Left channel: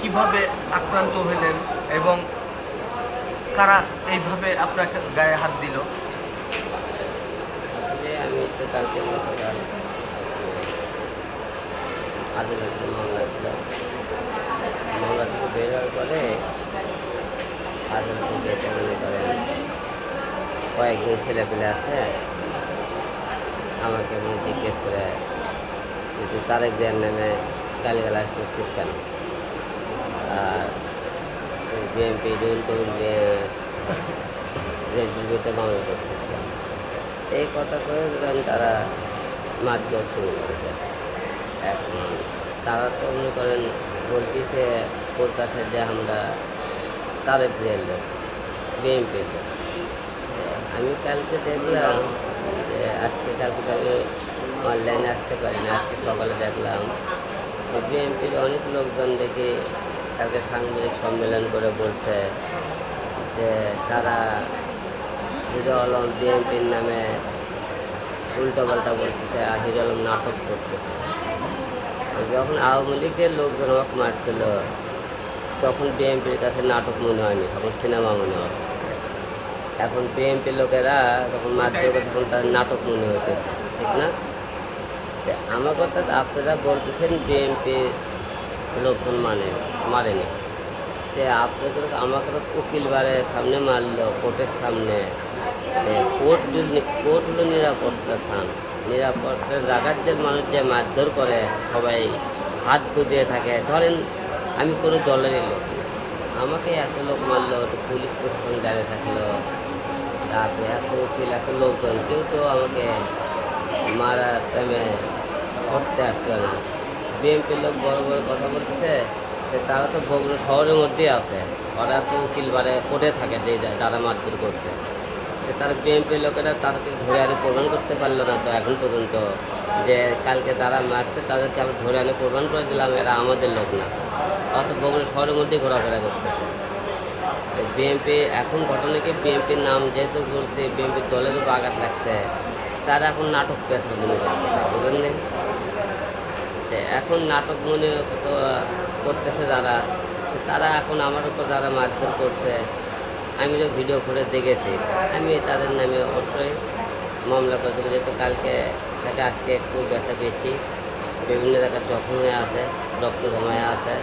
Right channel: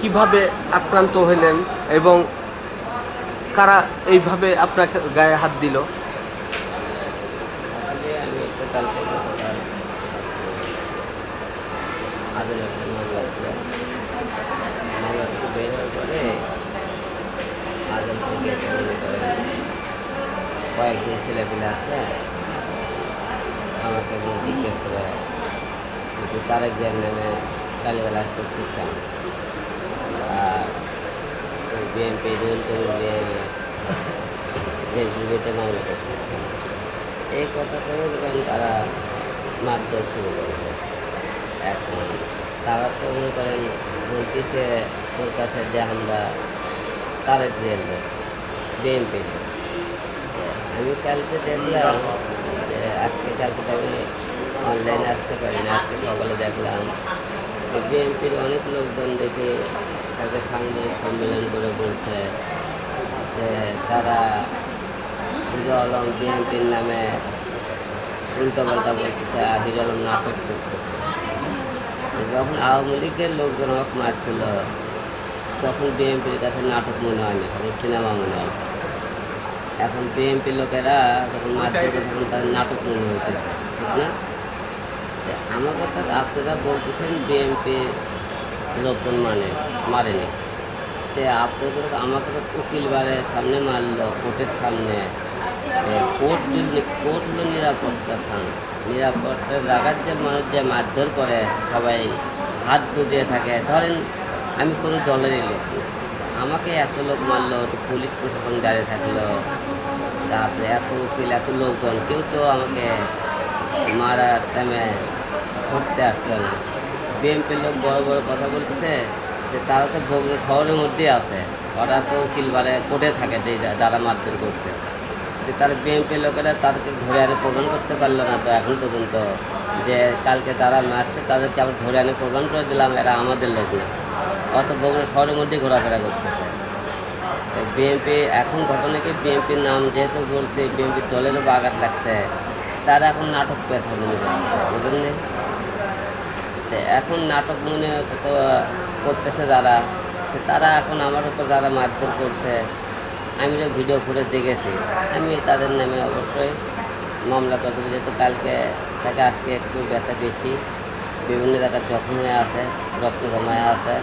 কীভাবে আক্রান্ত হলেন এবং কারা এইভাবে আপনাকে গায়ে হাত দিল? আসলে আমি তো কালকে গতকাল আদালতের মামলা ছিল মামলা থেকে বের হওয়ার পরে আদালতে তো মনে করেন। কয়েকজন ছেলেপেলে আছে। আমাকে মনে জিজ্ঞেস করে, কিন্তু তারেক জিয়ার নামে গালিগালাজ করছিস কেন? বিএনপি রুল করুন রেসবিতে মামলা কেন এই কথা কয়ে বলেন তারা মারধর শুরু করেছে এখন তারা তো মনে করেন বলতেছে, ওর কাছে যে আমরা তারেক জিয়ার লোক বিএনপির লোক। আমি কালকে দেখলাম যে আজকে কালকে তো আমি অনলাইনে আসতে পারি না, আজকে সকালে দেখলাম বিএনপির অনেক লোকজন দেখি কালকে সাংবাদিক সম্মেলন করে বলছে যে তারা হিরো আলম বিএনপির নামে উল্টোপাল্টা বলতেছে, আর হিরো আলম নাটক করতেছে। যখন আওয়ামী লীগের লোকজন আমাকে মারছিল, তখন বিএনপির কাছে নাটক মনে হয়নি, তখন সিনেমা মনে হয় এখন বিএনপির লোকেরা যখন হবে তখন তার নাটক মনে হয়েছে ঠিক না? আমার কথা, আপনারা বলতেছেন বিএনপি লোকজন মানে মারেনি। যে আপনাদের আমাকে তো উকিল বারে সামনে মারলো, কোর্টের সামনে। কোর্ট কোর্ট হলো নিরাপত্তা স্থান। নিরাপত্তার জায়গার যে মানুষ যে মারধর করে, সবাই হাত বুঝিয়ে থাকে। ধরেন, আমি কোনো দলেরই লোক আমাকে এত লোক মারলো পুলিশ প্রশাসন দাঁড়িয়ে থাকল। তারপরে এত উকিল, এত লোকজন, কেউ তো আমাকে মারার টাইমে ধরতে আসলো না। বিএমপির লোক বড় বড় কথা বলতেছে তারা তো বগুড়া শহরের মধ্যেই আছে। ওরা তো উকিল বারে কোর্টে থাকে যে যারা মারধর করতে তার বিএনপির লোকেরা তাদেরকে ধরে আনে প্রমাণ করতে পারল না তো এখন পর্যন্ত। যে কালকে যারা মারছে তাদেরকে আমরা ধরে আনে প্রমাণ করে দিলাম, এরা আমাদের লোক না। অত বগুড়া শহরের মধ্যেই ঘোরাফেরা করতেছে। বিএনপি এখন ঘটনা কি? বিএনপির নাম যেহেতু বলছে বিএনপির দলের উপর আঘাত লাগছে, তারা এখন নাটক পেশা মনে করতেছে বুঝলেন এখন নাটক মনে করতেছে যারা তারা এখন আমার উপর যারা মারধর করছে, আমি যে ভিডিও ফুটেজ দেখেছি, আমি তাদের নামে অবশ্যই মামলা করে দেবো। যেহেতু কালকে থেকে আজকে একটু ব্যথা বেশি, বিভিন্ন জায়গায় জখম হয়ে আছে, রক্ত জমায় আছে।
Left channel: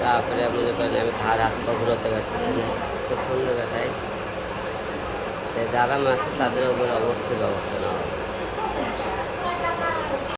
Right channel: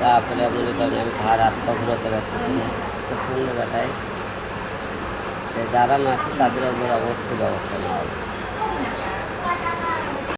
তারপরে মনে করেন আমি ঘাড়, হাত পা ঘুরোতে পারতেছি না প্রচণ্ড ব্যথায়। যারা মারছে তাদের উপর অবশ্যই ব্যবস্থা নেওয়া হবে।